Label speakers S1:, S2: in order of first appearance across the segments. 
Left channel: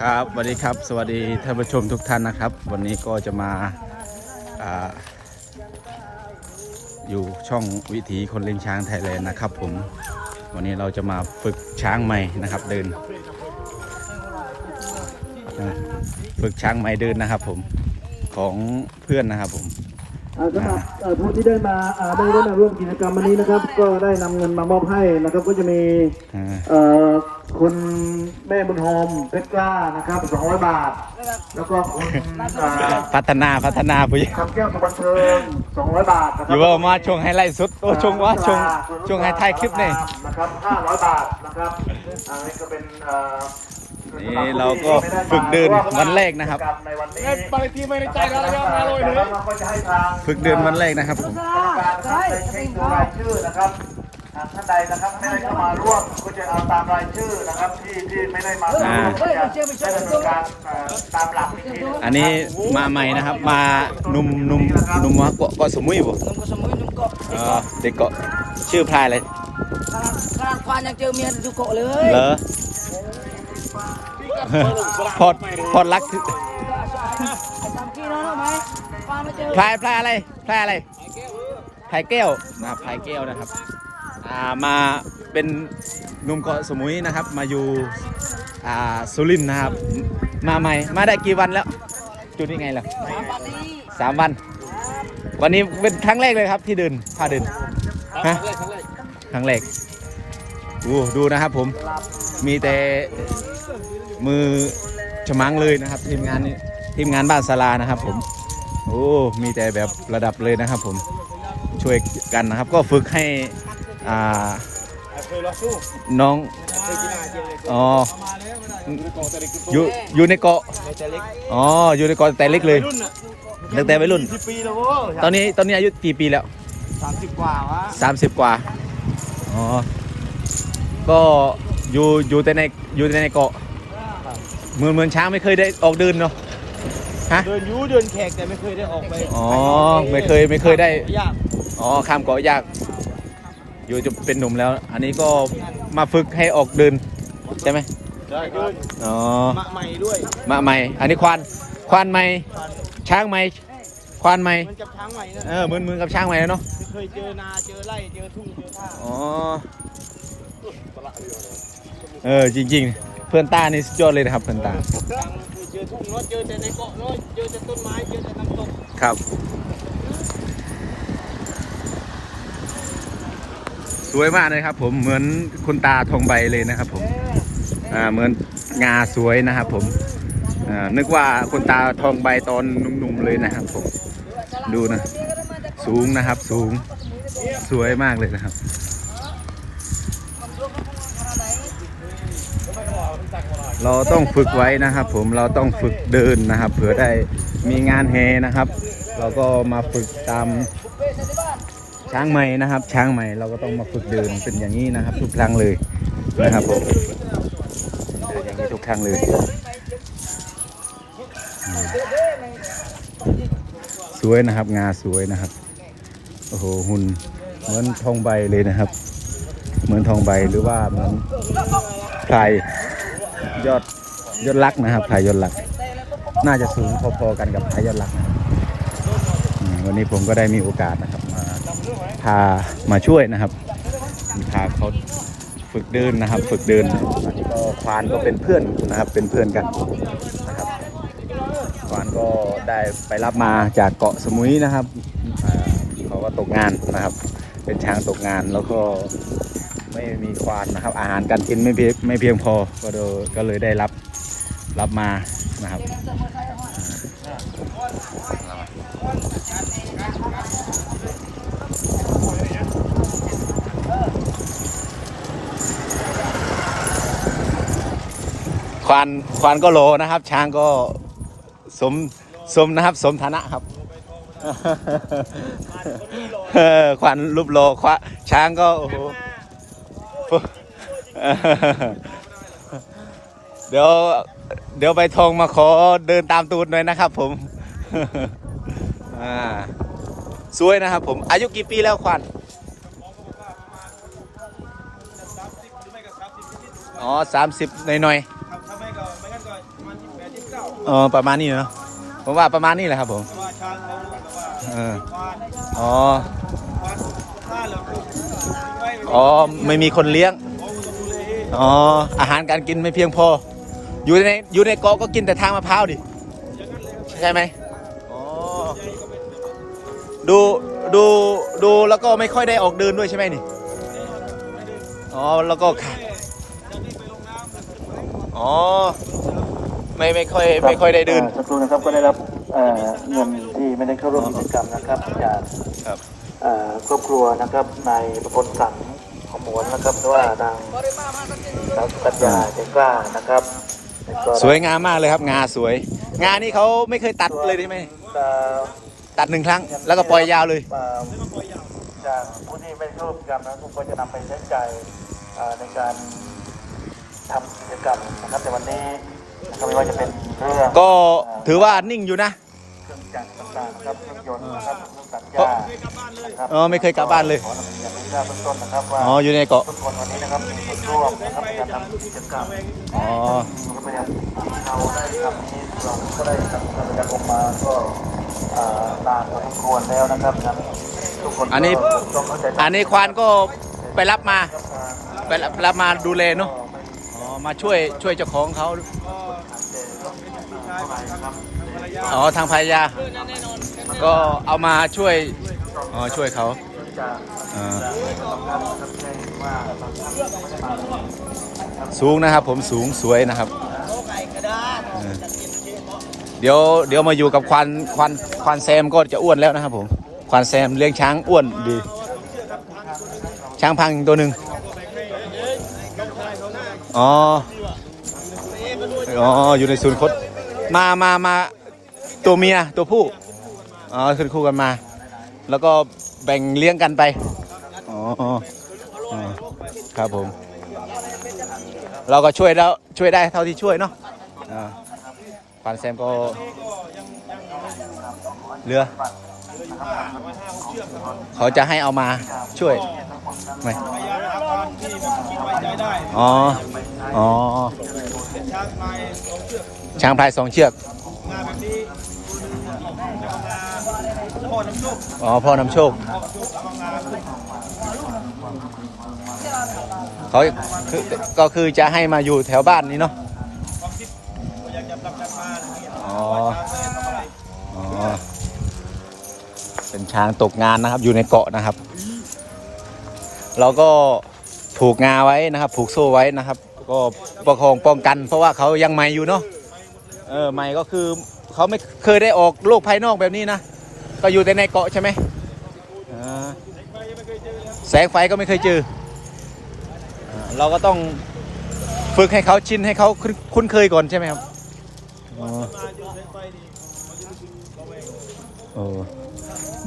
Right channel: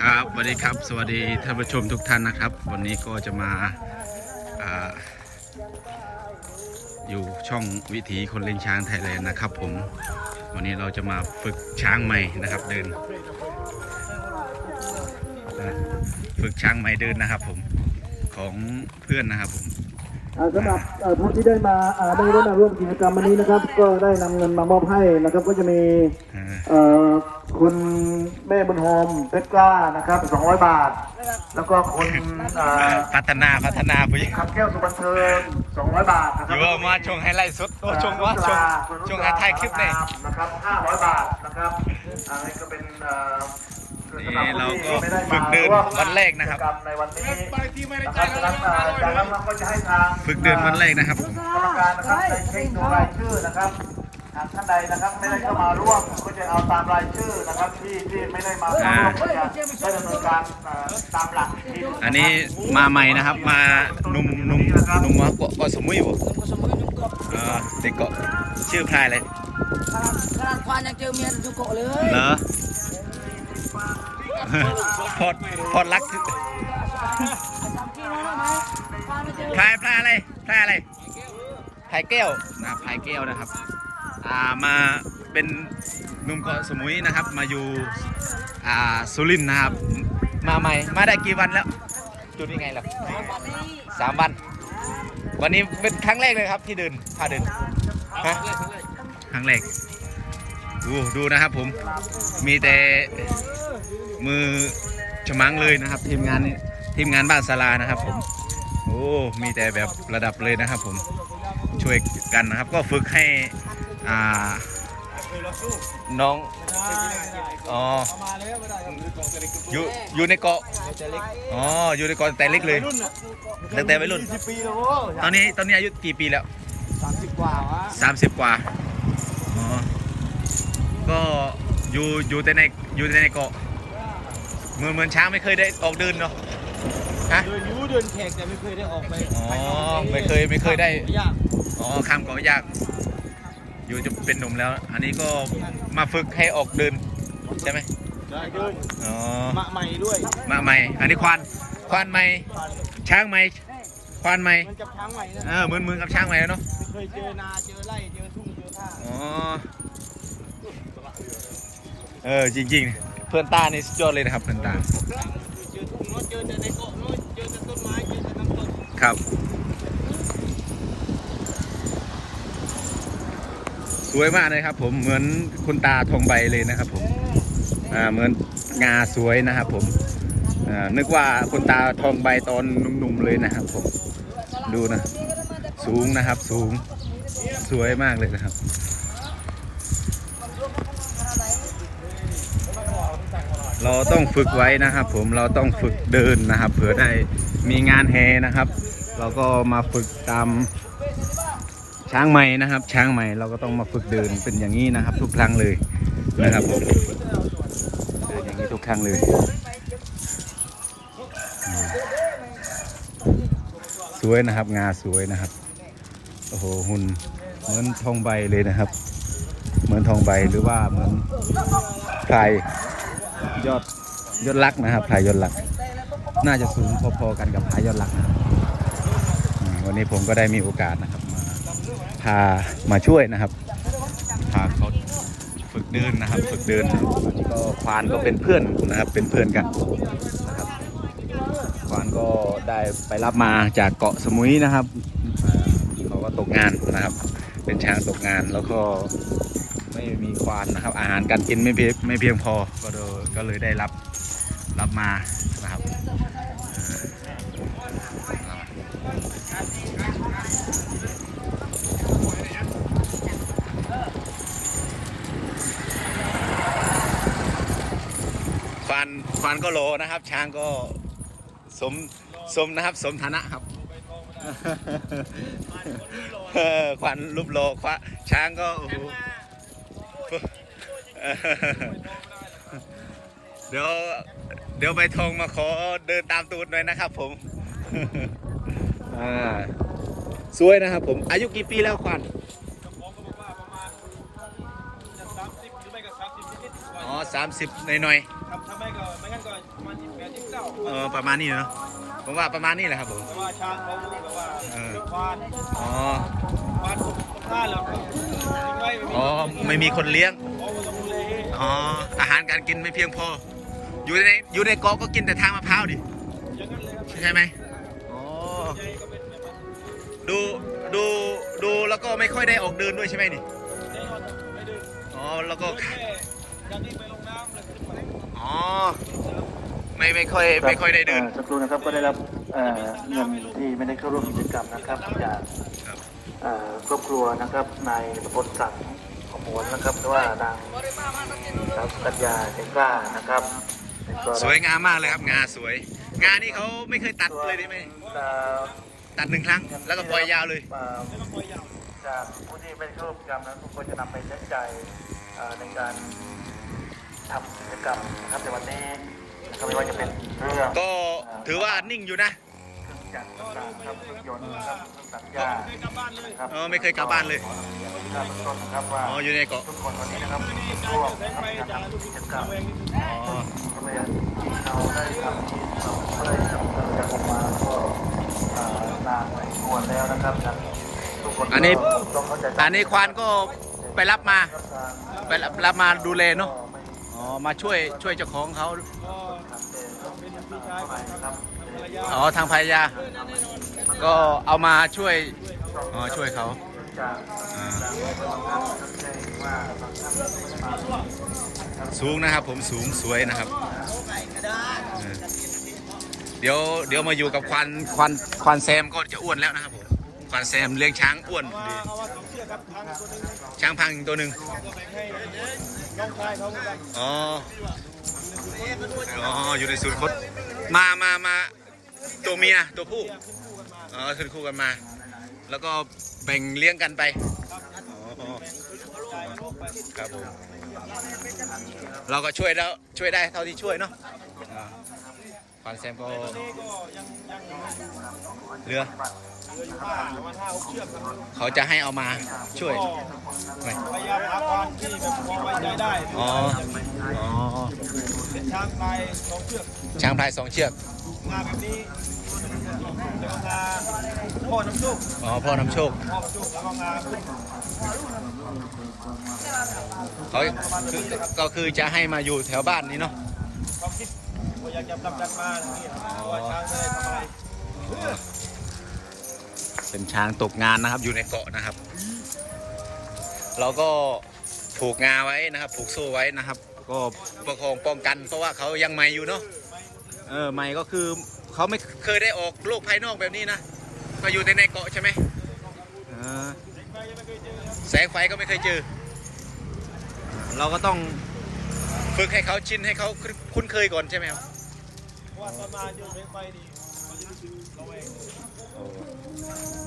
S1: ครับสวัสดีครับ สวัสดีท่านผู้ชมทุกท่านนะครับ วันนี้ก็จะมาอาอยู่ช่องวิถีคนเลี้ยงช้างไทยแลนด์นะครับ ผมวันนี้เราจะมาฝึกช้างใหม่นะครับ เดินฝึกช้างใหม่เดินนะครับ ผมของเพื่อนนะครับผม
S2: สำหรับเอ่อผู้ที่ได้มาอ่าได้ได้มาร่วมกิจกรรมวันนี้นะครับ ก็ได้นำเงินมามอบให้นะครับ ก็จะมี
S1: อ่า
S2: เอ่อคุณแม่บุญโฮมเพชรกล้านะครับ200 บาท แล้วก็คุณเอ่อ
S1: พัฒนาพัฒนาผู้หญิง
S2: คำแก้วสุบันเทิง200 บาทนะค
S1: อ
S2: รับ
S1: ยู่ว่ามาช่วงไฮไลท์สุดโอ้ช่วงว่าช่วงช่วงไฮไทยคลิปนี่
S2: นะครับ500 บาทนะครับอันนี้ก็เป็นเอ่อ
S1: นี่เราก็ฝึกเดินวันแรกนะครับ
S2: ในวันนี้ปฏิทินไม่ได้จ่ายอะไรเลยเราก็จะให้ทาง
S1: ฝึกเดินวันแรกนะครับผม
S2: ใช่จะเป็นรายชื่อนะครับหากท่านใดนะครับไม่ได้เข้ามาร่วมก็จะเอาตามรายชื่อนะครับที่ที่ไม่ได้มา
S1: อ่า
S2: ร่วมจะได้ดำเนินการเอ่อตามหลักวิธี
S1: อันนี้มาใหม่นะครับ มาหนุ่มหนุ่มหนุ่มเกาะเกาะสมุยบ่
S3: Nunggu semua nunggu.
S1: อ่าเด็กเกาะชื่อพลายอะไร
S3: Sekarang sekarang kau yang cer mian juga
S1: เหร
S3: le.
S1: อ พอดพอดรัก
S3: Macam kira nak mai. Kau macam
S1: พลายพลายอะไรพลายอะไรพลายแก้วนะครับพลายแก้วนะครับ อ่ามาเป็นหนุ่มเกาะสมุยนะครับ มาอยู่อ่าสุรินทร์นะครับ มาใหม่มาได้กี่วันแล้ว จุดนี้ไงล่ะสามวัน วันนี้เป็นครั้งแรกเลยครับที่เดินพาเดินฮะครั้งแรกดูดูนะครับผมมีแต่ มือฉมังเลยนะครับ ทีมงานนี้ทีมงานบ้านศาลานะครับ ผม โอ้ มีแต่แบบระดับเลยนะครับ ผมช่วยกันนะครับ ก็ฝึกให้อ่าน้องอ๋ออยู่อยู่ในเกาะอ๋ออยู่ในเกาะแต่เล็กเลยตั้งแต่วัยรุ่น
S2: สิบปีแล้วโว้ย
S1: ตอนนี้ตอนนี้อายุกี่ปีแล้ว
S2: สามสิบกว่าวะ
S1: สามสิบกว่าอ๋อก็อยู่อยู่แต่ในอยู่แต่ในเกาะ เหมือนเหมือนช้างไม่เคยได้ออกเดินเนาะฮะ
S2: เดินยูเดินแขกแต่ไม่เคยได้ออกไป
S1: อ๋อไม่เคยไม่เคยได้
S2: ยาก
S1: อ๋อข้ามเกาะยาก อยู่จะเป็นหนุ่มแล้ว อันนี้ก็มาฝึกให้ออกเดินใช่ไหม
S2: ได้เดิน
S1: อ๋อ
S2: มะใหม่ด้วย
S1: มาใหม่ อันนี้ควานควานใหม่ช้างใหม่ควานใหม่
S2: มันกับช้างใหม่นะ
S1: เออเหมือนเหมือนกับช้างใหม่แล้วเนาะ
S2: ไม่เคยเจอนาเจอไร่เจอทุ่งเจอท่า
S1: อ๋อ เออจริง ๆ เพื่อนตานี่สุดยอดเลยนะครับเพื่อนตา
S2: เจอทุ่งเนาะเจอแต่ในเกาะเนาะเจอแต่ต้นไม้เจอแต่น้ำตก
S1: ครับ สวยมากเลยครับ ผมเหมือนคุณตาทองใบเลยนะครับ ผมอ่าเหมือนงาสวยนะครับ ผมอ่านึกว่าคุณตาทองใบตอนหนุ่มๆเลยนะครับผมดูนะ สูงนะครับ สูงสวยมากเลยนะครับ เราต้องฝึกไว้นะครับ ผมเราต้องฝึกเดินนะครับ เผื่อได้มีงานเฮนะครับ เราก็มาฝึกตามช้างใหม่นะครับ ช้างใหม่เราก็ต้องมาฝึกเดินเป็นอย่างนี้นะครับ ทุกครั้งเลยนะครับผมเดินอย่างนี้ทุกครั้งเลยสวยนะครับ งาสวยนะครับโอ้โหหุ่นเหมือนทองใบเลยนะครับ เหมือนทองใบหรือว่าเหมือน พรยอดยอดรักนะครับไพรยอดรัก น่าจะสูงพอๆกันกับไพรยอดรักนะครับวันนี้ผมก็ได้มีโอกาสนะครับมาพามาช่วยนะครับพาเขาฝึกเดินนะครับฝึกเดินก็ควานก็เป็นเพื่อนนะครับเป็นเพื่อนกันนะครับควานก็ได้ไปรับมาจากเกาะสมุยนะครับอ่าเขาก็ตกงานนะครับ เป็นช้างตกงานแล้วก็ ไม่มีควานนะครับ อาหารการกินไม่เพียงไม่เพียงพอก็เลยก็เลยได้รับรับมานะครับควานควานก็โลนะครับ ช้างก็สมสมนะครับ สมฐานะครับควันรูปโลควะช้างก็โอ้โห เดี๋ยวเดี๋ยวไปทองมาขอเดินตามตูดหน่อยนะครับ ผมอ่าสวยนะครับ ผม อายุกี่ปีแล้วควันอ๋อสามสิบหน่อย
S2: ครับถ้าไม่ก็
S1: เออประมาณนี้เนาะผมว่าประมาณนี้แหละครับผม
S4: แต่ว่าช้างเขาแบบว่า
S1: เออ
S4: ควาน
S1: อ๋อ
S4: ควาน ท่าเหลือคือทิ้งไว้ไม่มี
S1: อ๋อไม่มีคนเลี้ยง
S4: เขาก็ต้องดูแล
S1: อ๋อ อาหารการกินไม่เพียงพอ อยู่ในอยู่ในเกาะก็กินแต่ทางมะพร้าวดิ
S4: อย่างนั้นเลยครับ
S1: ใช่ไหมอ๋อ
S4: ใจก็เป็นแบบนั้น
S1: ดูดูดูแล้วก็ไม่ค่อยได้ออกเดินด้วยใช่ไหมนี่
S4: แน่นอนครับไม่ดื้อ
S1: อ๋อ แล้วก็
S4: แค่จากนี้ไปลงน้ำแล้วขึ้นมา
S1: อ๋อไม่ไม่ค่อยไม่ค่อยได้เดิน
S2: สักครู่นะครับก็ได้รับเอ่อเงินที่ไม่ได้เข้าร่วมกิจกรรมนะครับจาก
S1: ครับ
S2: เอ่อ ครอบครัวนะครับนายประพลสังขมวนนะครับหรือว่าทางเราปัญญาเด็กกล้านะครับแล้วก็
S1: สวยงามมากเลยครับ งาสวย งานี่เขาไม่เคยตัดเลยใช่ไหม
S2: เอ่อ
S1: ตัดหนึ่งครั้ง แล้วก็ปล่อยยาวเลย
S2: เอ่อจากผู้ที่ไม่ร่วมกิจกรรมนะทุกคนจะนำไปใช้จ่ายเอ่อในการทำกิจกรรมนะครับในวันนี้นะครับไม่ว่าจะเป็นเรื่อง
S1: ก็ถือว่านิ่งอยู่นะ
S2: เครื่องจักรต่างๆครับรถยนต์นะครับเครื่องตัดห
S1: เพราะ
S2: ญ้า
S4: เคยกลับบ้านเลย
S1: เออไม่เคยกลับบ้านเลย
S2: ขออนุญาตเริ่มต้นนะครับว่า
S1: อ๋ออยู่ในเกาะ
S2: ทุกคนวันนี้นะครับ
S4: นี่
S2: ร่
S4: การ
S2: วม
S4: เดินแส
S2: นะ
S4: ง
S2: ครับ
S4: ไฟจะลูกศิษย์ระแวงนิดนึง
S1: อ๋อ
S2: เอาได้ครับเราก็ได้ทำปฏิบัติมาก็เอ่อลาไปควรแล้วนะครับทุกคน
S1: อันนี้อันนี้ควานก็ไปรับมา ไปรับรับมาดูแลเนาะอ๋อมาช่วยช่วยเจ้าของเขา
S4: ก็เป็นพี่ชายของทางทางภรรยา
S1: อ๋อทางภรรยา ก็เอามาช่วย อ๋อช่วยเขาสูงนะครับผมสูงสวยนะครับ เดี๋ยวเดี๋ยวมาอยู่กับควานควานควานแซมก็จะอ้วนแล้วนะครับผมควานแซมเลี้ยงช้างอ้วนดี
S4: ช้าง
S1: พังอีกตัวหนึ่ง
S4: อ๋อ
S1: อ๋อ อยู่ในศูนย์คดมามามา ตัวเมียตัวผู้อ๋อขึ้นคู่กันมา แล้วก็แบ่งเลี้ยงกันไปอ๋ออ๋อครับผม เราก็ช่วยแล้วช่วยได้เท่าที่ช่วยเนาะอ่าควานแซมก็
S4: นี่ก็ยังยัง
S1: เหลือ
S4: เหลืออยู่ห้าประมาณห้าหกเชือกครับ
S1: เขาจะให้เอามาช่วย
S4: ก็พยายามหาความที่แบบพอไว้ใจได้
S1: อ๋ออ๋อ
S4: เป็นช้างพลายสองเชือก
S1: ช้างพลายสองเชือก
S4: งาแบบนี้ตัวหนึงล้วก็งาพ่อน้ำโชค
S1: อ๋อพ่อนำโชค
S4: พ่อน้ำโชคแล้วก็งาขึ้น
S1: เขาคือก็คือจะให้มาอยู่แถวบ้านนี้เนาะ
S4: ความคิดว่าอยากจะผลักดันมาอย่างนี้
S1: อ๋อ
S4: ว่าช้างไม่ได้ทำอะไร
S1: อ๋อเป็นช้างตกงานนะครับ อยู่ในเกาะนะครับ เราก็ผูกงาไว้นะครับ ผูกโซ่ไว้นะครับ ก็ประคองป้องกัน เพราะว่าเขายังใหม่อยู่เนาะ เออใหม่ก็คือเขาไม่เคยได้ออกโลกภายนอกแบบนี้นะก็อยู่แต่ในเกาะใช่ไหมอ่า
S4: ไปไม่เคยเจอแส
S1: งไฟก็ไม่เคยเจออ่าเราก็ต้องฝึกให้เขาชินให้เขาคุ้นเคยก่อนใช่ไหมครับ
S4: ว่าต้นมาเจอแสงไฟดีเขาจะรู้สึกระแวง
S1: เออ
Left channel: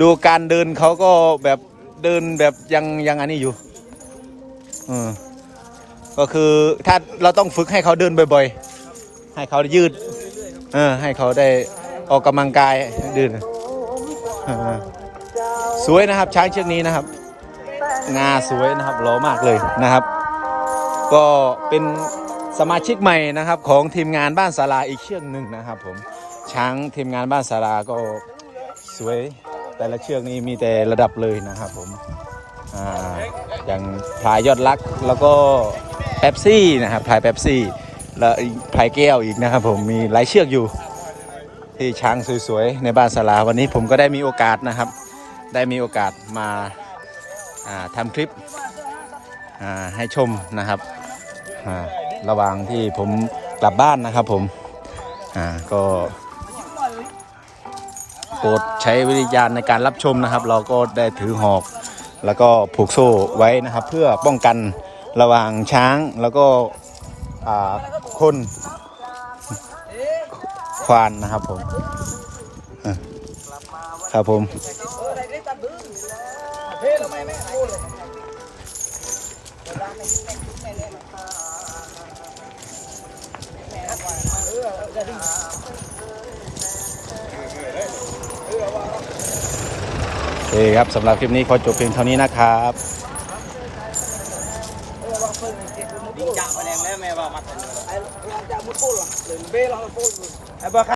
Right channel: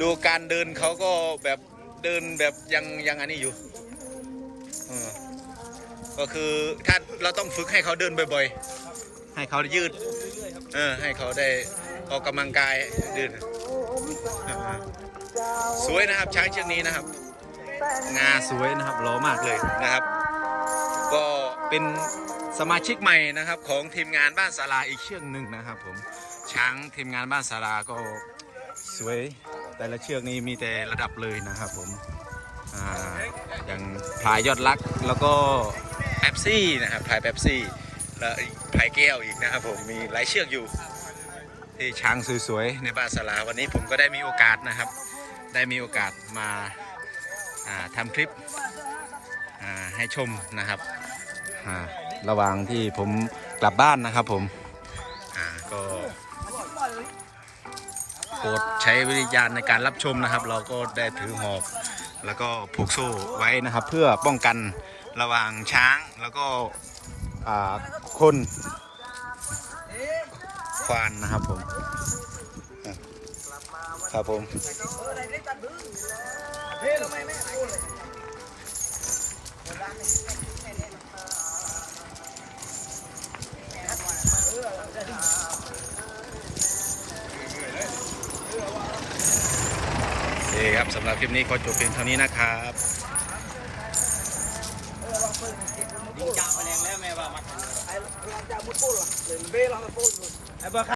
S1: ดูการเดินเขาก็แบบเดินแบบยังยังอันนี้อยู่ก็คือถ้าเราต้องฝึกให้เขาเดินบ่อย ๆ ให้เขายืด
S4: เอ
S1: อ ให้เขาได้ออกกำลังกายเดินสวยนะครับช้างเชือกนี้นะครับ งาสวยนะครับหล่อมากเลยนะครับ ก็เป็นสมาชิกใหม่นะครับ ของทีมงานบ้านสาราอีกเชือกหนึ่งนะครับ ผมช้างทีมงานบ้านสาราก็สวยแต่ละเชือกนี้มีแต่ระดับเลยนะครับ ผมอ่าอย่างพลายยอดรักแล้วก็เป๊ปซี่นะครับพลายเป๊ปซี่ แล้วอีกพลายแก้วอีกนะครับผมมีหลายเชือกอยู่ ที่ช้างสวยๆในบ้านสาราวันนี้ผมก็ได้มีโอกาสนะครับ ได้มีโอกาสมาทำคลิปให้ชมนะครับระหว่างที่ผมกลับบ้านนะครับผมก็โปรดใช้วิญญาณในการรับชมนะครับ เราก็ได้ถือหอกแล้วก็ผูกโซ่ไว้นะครับ เพื่อป้องกันระหว่างช้างแล้วก็ คนควานนะครับผมครับผมโอครับสำหรับคลิปนี้ขอจบเพียงเท่านี้นะครับ
S4: ไอ้ลองจะมุดปูหรอเล่
S3: นเบ้ลองปู